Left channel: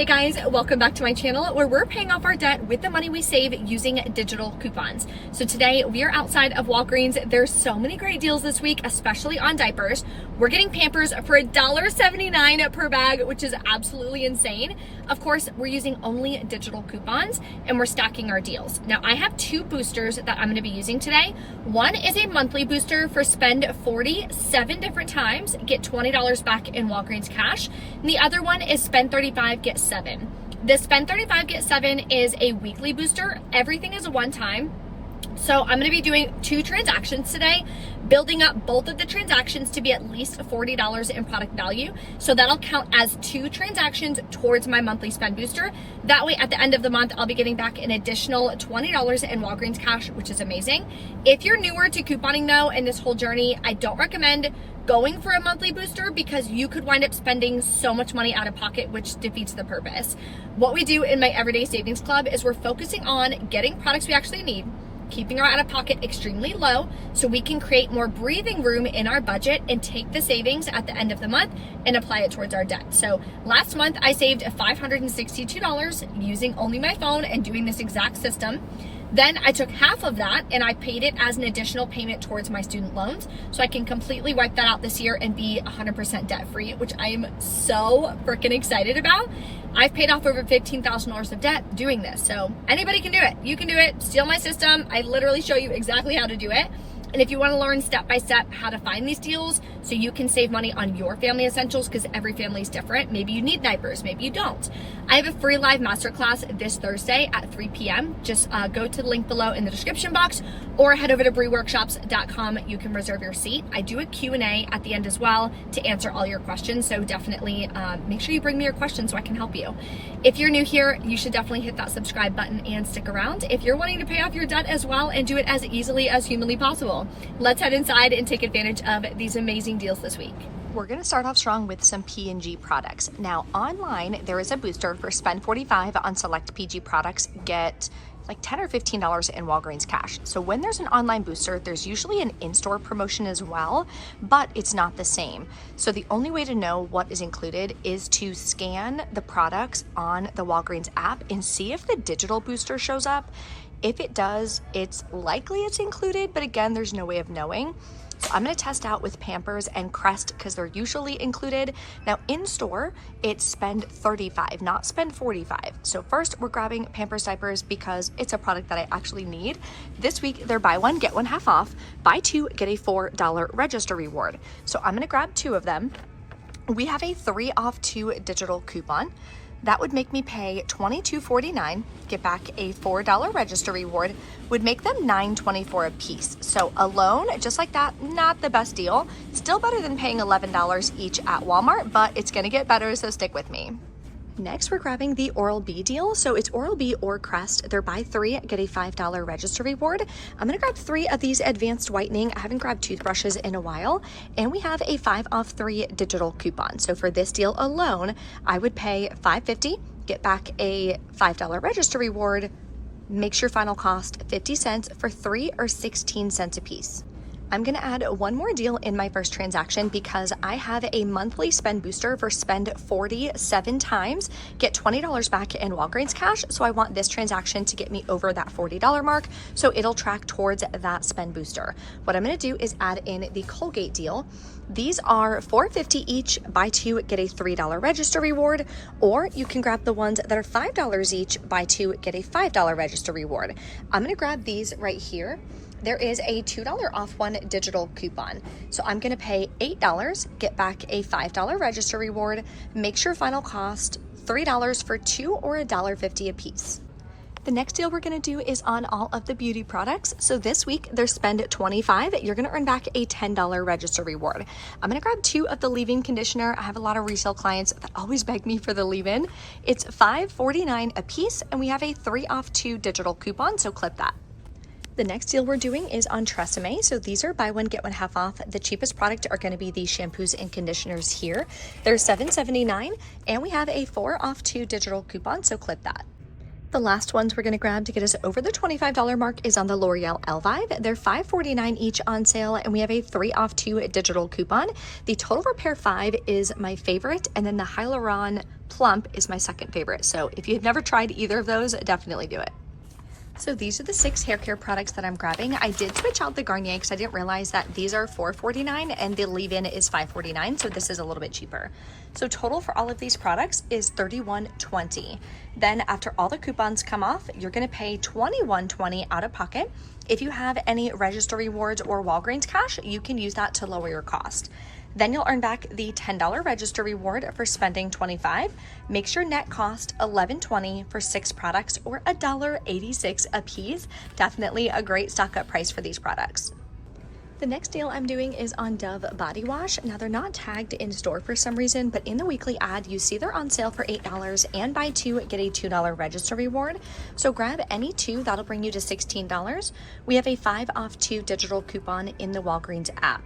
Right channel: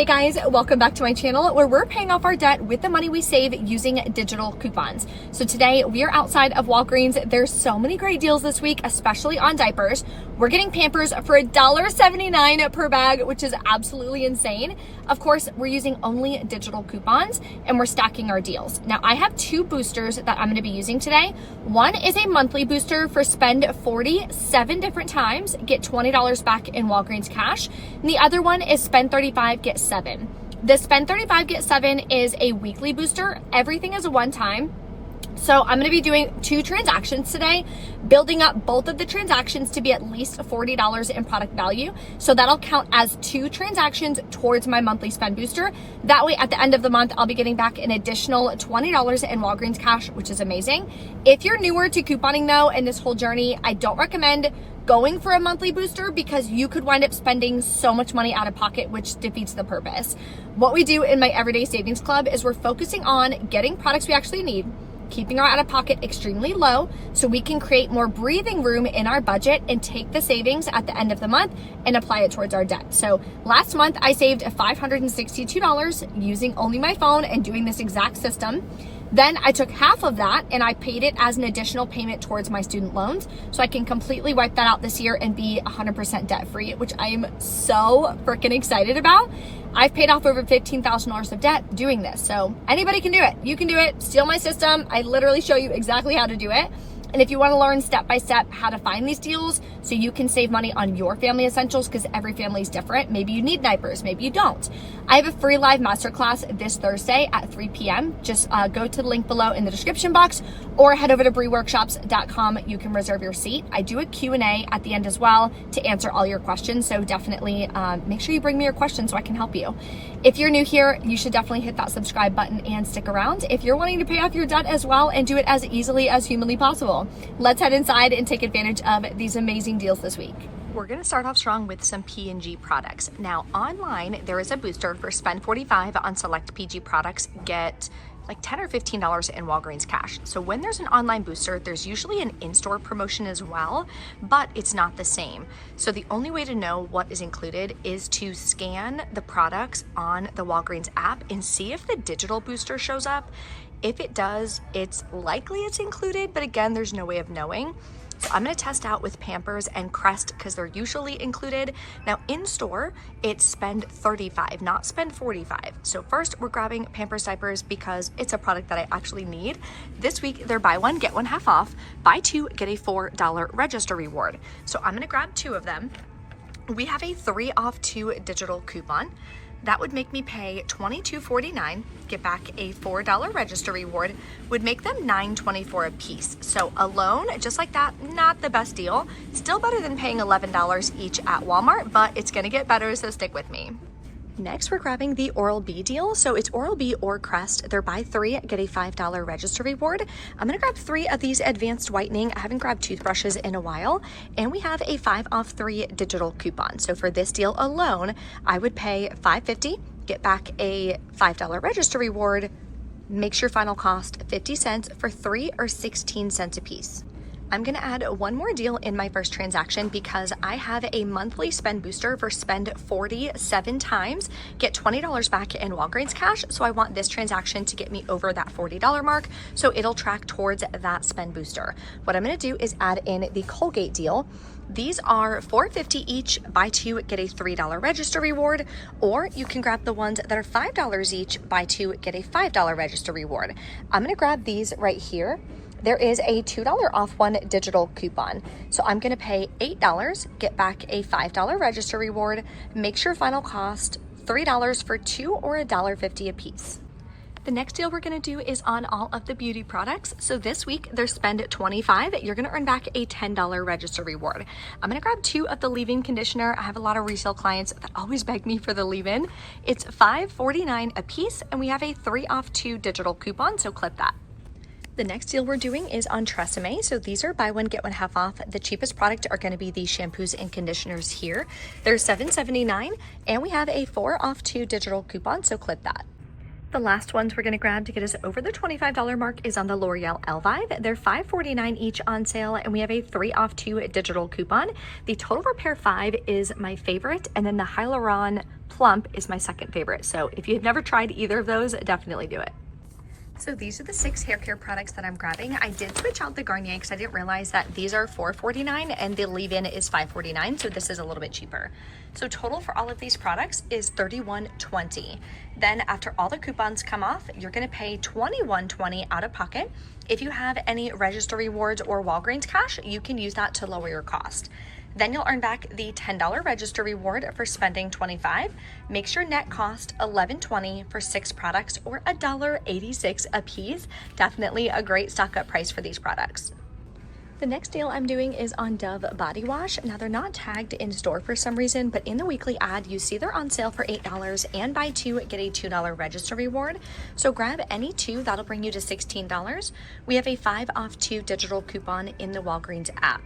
Hey guys, welcome back to my channel where we're paying off our debt with the money we save using digital coupons. So today we are outside of Walgreens. There's so many great deals this week, especially on diapers. We're getting Pampers for $1.79 per bag, which is absolutely insane. Of course, we're using only digital coupons and we're stacking our deals. Now I have two boosters that I'm gonna be using today. One is a monthly booster for spend 47 different times, get $20 back in Walgreens cash. And the other one is spend 35, get 7. The spend 35, get 7 is a weekly booster. Everything is a one-time. So I'm gonna be doing 2 transactions today, building up both of the transactions to be at least $40 in product value. So that'll count as 2 transactions towards my monthly spend booster. That way at the end of the month, I'll be getting back an additional $20 in Walgreens cash, which is amazing. If you're newer to couponing though, in this whole journey, I don't recommend going for a monthly booster because you could wind up spending so much money out of pocket, which defeats the purpose. What we do in my Everyday Savings Club is we're focusing on getting products we actually need, keeping our out-of-pocket extremely low so we can create more breathing room in our budget and take the savings at the end of the month and apply it towards our debt. So last month I saved $562 using only my phone and doing this exact system. Then I took half of that and I paid it as an additional payment towards my student loans so I can completely wipe that out this year and be 100% debt free, which I am so freaking excited about. I've paid off over $15,000 of debt doing this. So anybody can do it. You can do it. Steal my system. I literally show you exactly how to do it. And if you want to learn step by step how to find these deals so you can save money on your family essentials, because every family is different. Maybe you need diapers, maybe you don't. I have a free live masterclass this Thursday at 3 p.m. Just go to the link below in the description box or head over to breworkshops.com. You can reserve your seat. I do a Q&A at the end as well to answer all your questions. So definitely make sure you bring me your questions so I can help you. If you're new here, you should definitely hit that subscribe button and stick around if you're wanting to pay off your debt as well and do it as easily as humanly possible. Let's head inside and take advantage of these amazing deals this week. We're gonna start off strong with some P&G products. Now online, there is a booster for spend 45 on select PG products, get like $10 or $15 in Walgreens cash. So when there's an online booster, there's usually an in-store promotion as well, but it's not the same. So the only way to know what is included is to scan the products on the Walgreens app and see if the digital booster shows up. If it does, it's likely it's included, but again, there's no way of knowing. So I'm gonna test out with Pampers and Crest because they're usually included. Now in store, it's spend 35, not spend 45. So first we're grabbing Pampers diapers because it's a product that I actually need. This week, they're buy one, get one half off. Buy 2, get a $4 register reward. So I'm gonna grab 2 of them. We have a 3 off 2 digital coupon. That would make me pay $22.49, get back a $4 register reward, would make them $9.24 a piece. So alone, just like that, not the best deal. Still better than paying $11 each at Walmart, but it's gonna get better, so stick with me. Next, we're grabbing the Oral-B deal. So it's Oral-B or Crest. They're buy 3, get a $5 register reward. I'm gonna grab 3 of these advanced whitening. I haven't grabbed toothbrushes in a while. And we have a 5 off 3 digital coupon. So for this deal alone, I would pay $5.50, get back a $5 register reward, makes your final cost 50 cents for 3 or 16 cents a piece. I'm gonna add one more deal in my first transaction because I have a monthly spend booster for spend 47 times, get $20 back in Walgreens cash. So I want this transaction to get me over that $40 mark. So it'll track towards that spend booster. What I'm gonna do is add in the Colgate deal. These are $4.50 each, buy 2, get a $3 register reward, or you can grab the ones that are $5 each, buy 2, get a $5 register reward. I'm gonna grab these right here. There is a $2 off 1 digital coupon. So I'm gonna pay $8, get back a $5 register reward, makes your final cost $3 for 2 or $1.50 a piece. The next deal we're gonna do is on all of the beauty products. So this week, they're spend 25, you're gonna earn back a $10 register reward. I'm gonna grab 2 of the leave-in conditioner. I have a lot of resale clients that always beg me for the leave-in. It's $5.49 a piece, and we have a 3 off 2 digital coupon, so clip that. The next deal we're doing is on Tresemme. So these are buy one, get one half off. The cheapest product are gonna be the shampoos and conditioners here. They're $7.79, and we have a 4 off 2 digital coupon, so clip that. The last ones we're gonna grab to get us over the $25 mark is on the L'Oreal Elvive. They're $5.49 each on sale, and we have a 3 off 2 digital coupon. The Total Repair 5 is my favorite, and then the Hyaluron Plump is my second favorite. So if you've never tried either of those, definitely do it. So these are the 6 hair care products that I'm grabbing. I did switch out the Garnier because I didn't realize that these are $4.49 and the leave-in is $5.49, so this is a little bit cheaper. So total for all of these products is $31.20. Then after all the coupons come off, you're gonna pay $21.20 out of pocket. If you have any register rewards or Walgreens cash, you can use that to lower your cost. Then you'll earn back the $10 register reward for spending $25. Makes your net cost $11.20 for 6 products or $1.86 a piece. Definitely a great stock up price for these products. The next deal I'm doing is on Dove body wash. Now they're not tagged in store for some reason, but in the weekly ad, you see they're on sale for $8 and buy 2, get a $2 register reward. So grab any 2, that'll bring you to $16. We have a 5 off 2 digital coupon in the Walgreens app.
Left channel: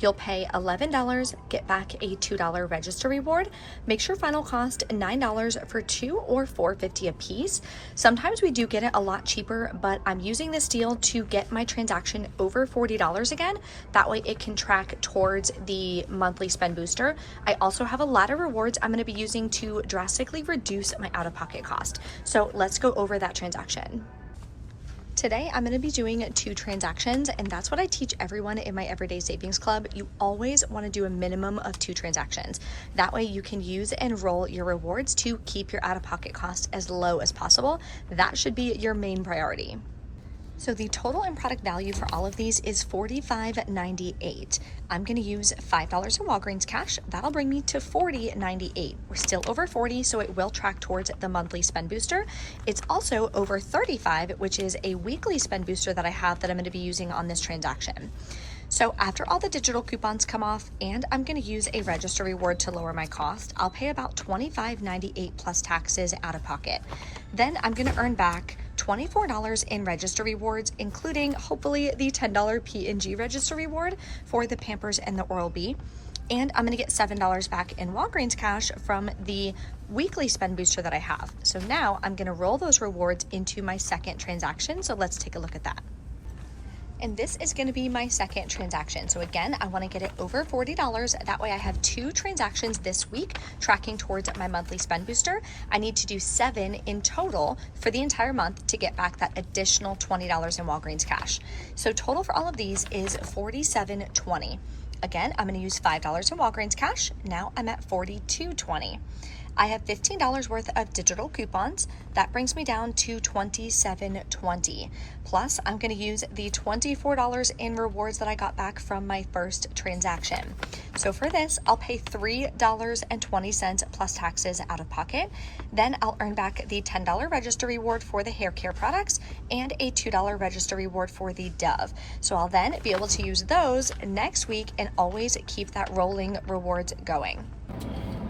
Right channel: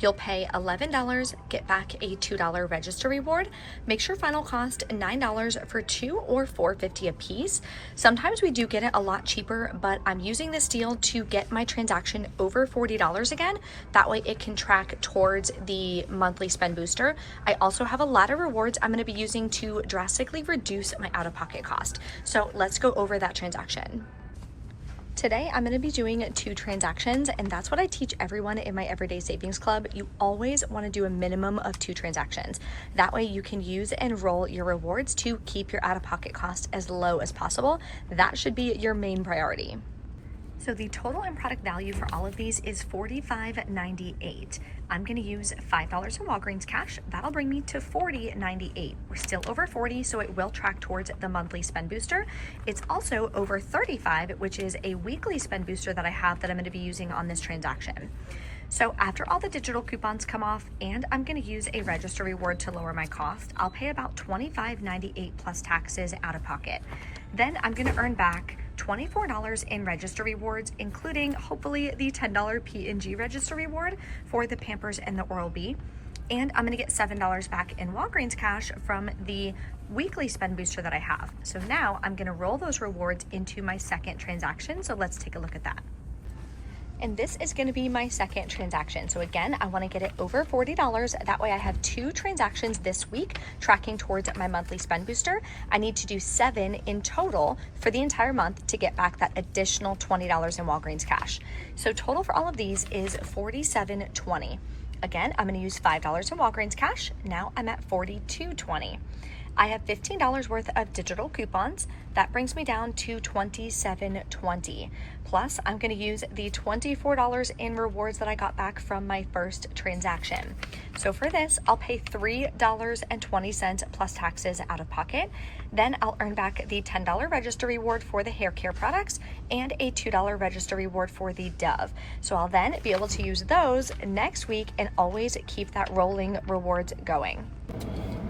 You'll pay $11, get back a $2 register reward. Makes your final cost $9 for 2 or $4.50 a piece. Sometimes we do get it a lot cheaper, but I'm using this deal to get my transaction over $40 again. That way it can track towards the monthly spend booster. I also have a lot of rewards I'm gonna be using to drastically reduce my out-of-pocket cost. So let's go over that transaction. Today, I'm gonna be doing 2 transactions, and that's what I teach everyone in my Everyday Savings Club. You always wanna do a minimum of 2 transactions. That way you can use and roll your rewards to keep your out-of-pocket cost as low as possible. That should be your main priority. So the total in product value for all of these is $45.98. I'm gonna use $5 in Walgreens cash. That'll bring me to $40.98. We're still over 40, so it will track towards the monthly spend booster. It's also over 35, which is a weekly spend booster that I have that I'm gonna be using on this transaction. So after all the digital coupons come off, and I'm gonna use a register reward to lower my cost, I'll pay about $25.98 plus taxes out of pocket. Then I'm gonna earn back $24 in register rewards, including hopefully the $10 P&G register reward for the Pampers and the Oral-B. And I'm gonna get $7 back in Walgreens cash from the weekly spend booster that I have. So now I'm gonna roll those rewards into my second transaction. So let's take a look at that. And this is gonna be my second transaction. So again, I wanna get it over $40. That way I have 2 transactions this week tracking towards my monthly spend booster. I need to do 7 in total for the entire month to get back that additional $20 in Walgreens cash. So total for all of these is $47.20. Again, I'm gonna use $5 in Walgreens cash. Now I'm at $42.20. I have $15 worth of digital coupons. That brings me down to $27.20. Plus, I'm gonna use the $24 in rewards that I got back from my first transaction. So for this, I'll pay $3.20 plus taxes out of pocket. Then I'll earn back the $10 register reward for the hair care products and a $2 register reward for the Dove. So I'll then be able to use those next week and always keep that rolling rewards going.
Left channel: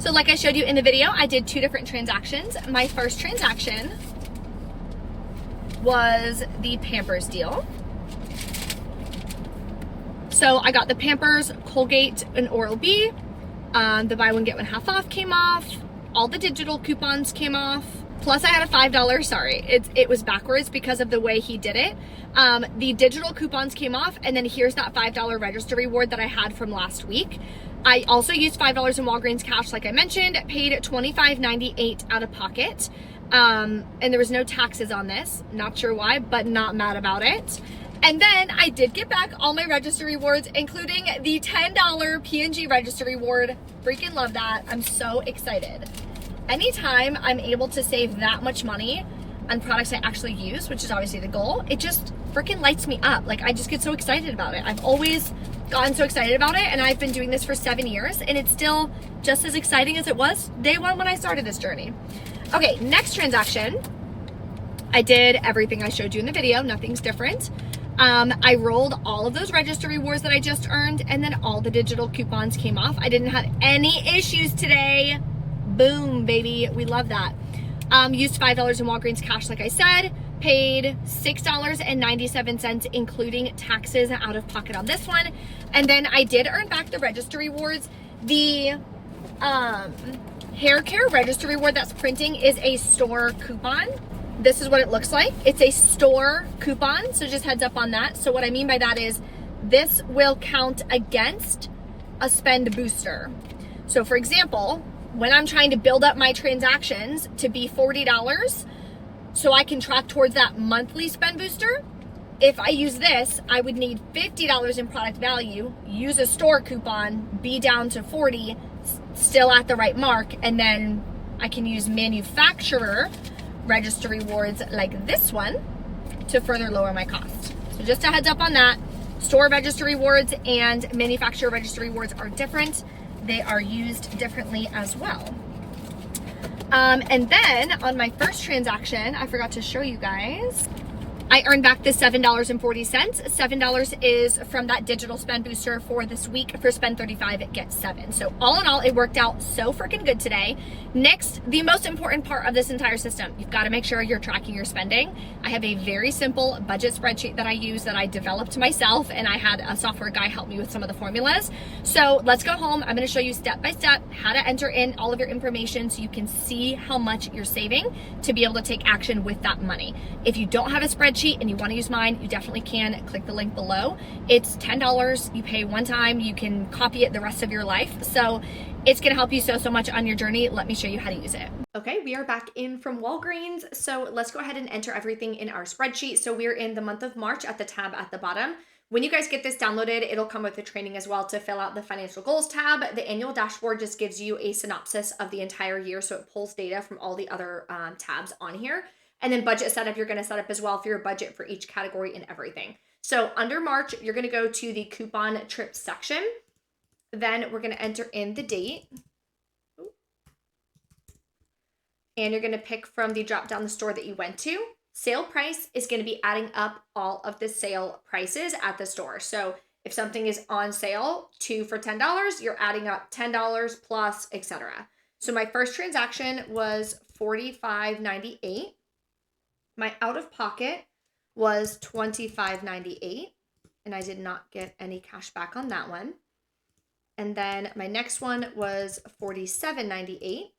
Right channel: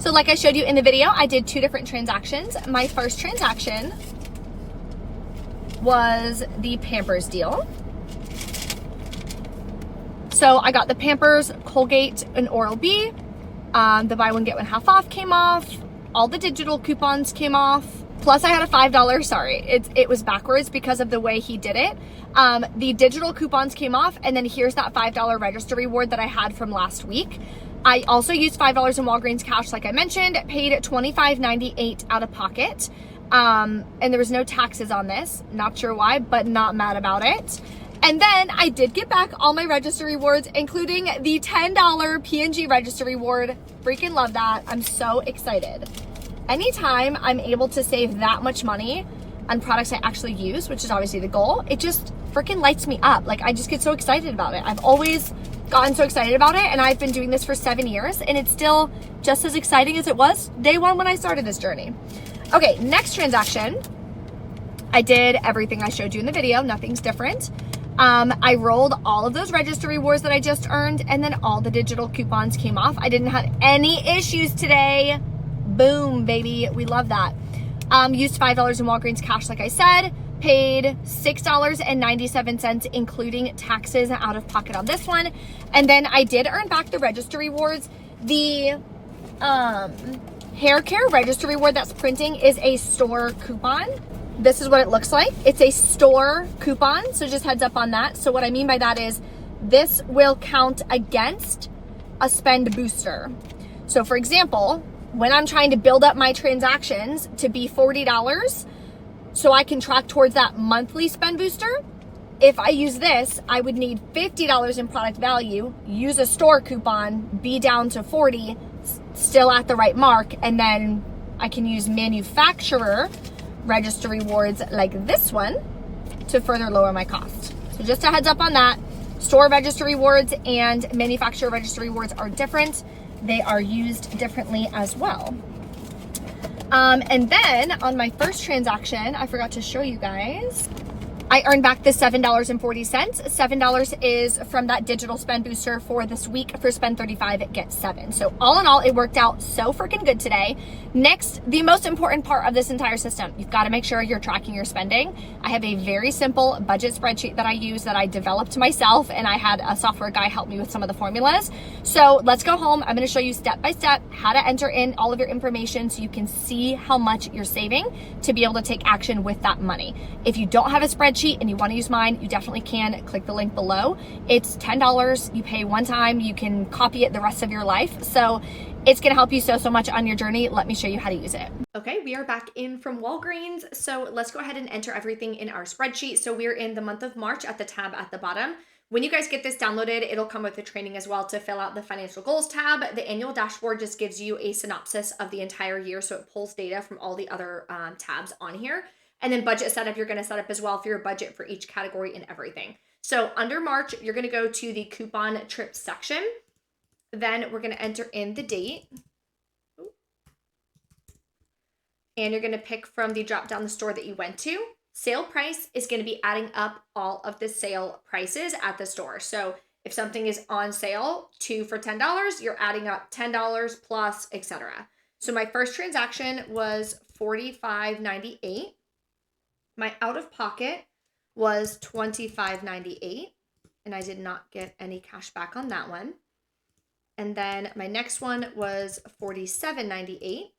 So like I showed you in the video, I did 2 different transactions. My first transaction was the Pampers deal. So I got the Pampers, Colgate, and Oral-B. The buy one, get one half off came off. All the digital coupons came off. Plus I had a $5, sorry, it was backwards because of the way he did it. The digital coupons came off, and then here's that $5 register reward that I had from last week. I also used $5 in Walgreens cash, like I mentioned, paid $25.98 out of pocket. And there was no taxes on this. Not sure why, but not mad about it. And then I did get back all my register rewards, including the $10 P&G register reward. Freaking love that. I'm so excited. Anytime I'm able to save that much money on products I actually use, which is obviously the goal, it just freaking lights me up. Like, I just get so excited about it. I've always gotten so excited about it, and I've been doing this for 7 years, and it's still just as exciting as it was day 1 when I started this journey. Okay, next transaction. I did everything I showed you in the video. Nothing's different. I rolled all of those register rewards that I just earned, and then all the digital coupons came off. I didn't have any issues today. Boom, baby. We love that. Used $5 in Walgreens cash, like I said. Paid $6.97, including taxes out of pocket on this one. And then I did earn back the register rewards. The hair care register reward that's printing is a store coupon. This is what it looks like. It's a store coupon, so just heads up on that. So what I mean by that is this will count against a spend booster. So for example, when I'm trying to build up my transactions to be $40 so I can track towards that monthly spend booster, if I use this, I would need $50 in product value, use a store coupon, be down to 40, still at the right mark, and then I can use manufacturer register rewards like this one to further lower my cost. So just a heads up on that. Store register rewards and manufacturer register rewards are different. They are used differently as well. And then on my first transaction, I forgot to show you guys, I earned back the $7.40. $7 is from that digital spend booster for this week. For spend 35, get 7. So all in all, it worked out so freaking good today. Next, the most important part of this entire system, you've got to make sure you're tracking your spending. I have a very simple budget spreadsheet that I use that I developed myself, and I had a software guy help me with some of the formulas. So let's go home. I'm going to show you step by step how to enter in all of your information so you can see how much you're saving to be able to take action with that money. If you don't have a spreadsheet and you want to use mine, you definitely can. Click the link below. It's $10. You pay one time. You can copy it the rest of your life. So it's going to help you so much on your journey. Let me show you how to use it. Okay, we are back in from Walgreens. So let's go ahead and enter everything in our spreadsheet. So we're in the month of March at the tab at the bottom. When you guys get this downloaded, it'll come with the training as well to fill out the financial goals tab. The annual dashboard just gives you a synopsis of the entire year. So it pulls data from all the other tabs on here. And then budget setup, you're going to set up as well for your budget for each category and everything. So under March, you're going to go to the coupon trip section. Then we're going to enter in the date. And you're going to pick from the drop down the store that you went to. Sale price is going to be adding up all of the sale prices at the store. So if something is on sale, 2 for $10, you're adding up $10 plus, etc. So my first transaction was $45.98. My out-of-pocket was $25.98, and I did not get any cash back on that one. And then my next one was $47.98,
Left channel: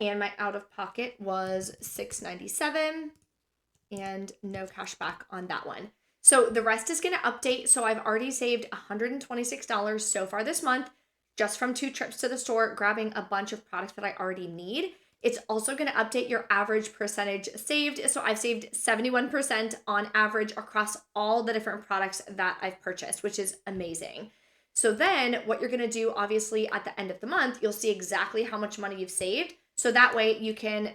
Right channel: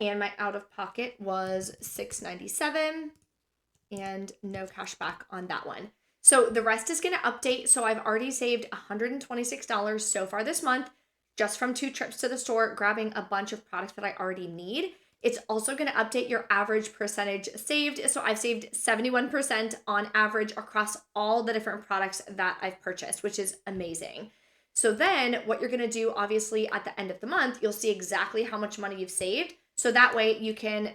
and my out-of-pocket was $6.97, and no cash back on that one. So the rest is going to update. So I've already saved $126 so far this month, just from 2 trips to the store, grabbing a bunch of products that I already need. It's also going to update your average percentage saved. So I've saved 71% on average across all the different products that I've purchased, which is amazing. So then what you're going to do, obviously at the end of the month, you'll see exactly how much money you've saved. So that way you can,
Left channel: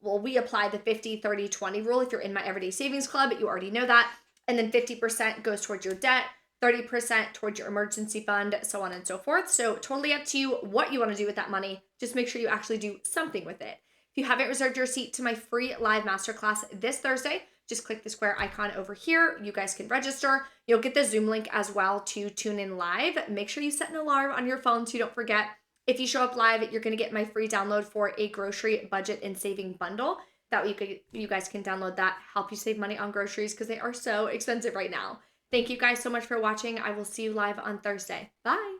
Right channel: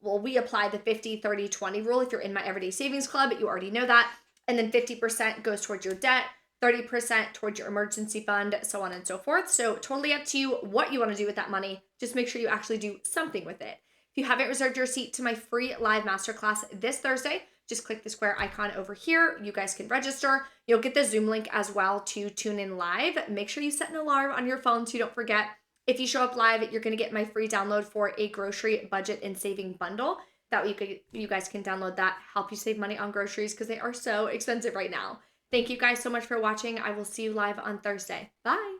well, we apply the 50, 30, 20 rule. If you're in my everyday savings club, you already know that. And then 50% goes towards your debt, 30% towards your emergency fund, so on and so forth. So totally up to you what you want to do with that money. Just make sure you actually do something with it. If you haven't reserved your seat to my free live masterclass this Thursday, just click the square icon over here. You guys can register. You'll get the Zoom link as well to tune in live. Make sure you set an alarm on your phone so you don't forget. If you show up live, you're going to get my free download for a grocery budget and saving bundle. That way you guys can download that, help you save money on groceries because they are so expensive right now. Thank you guys so much for watching. I will see you live on Thursday. Bye.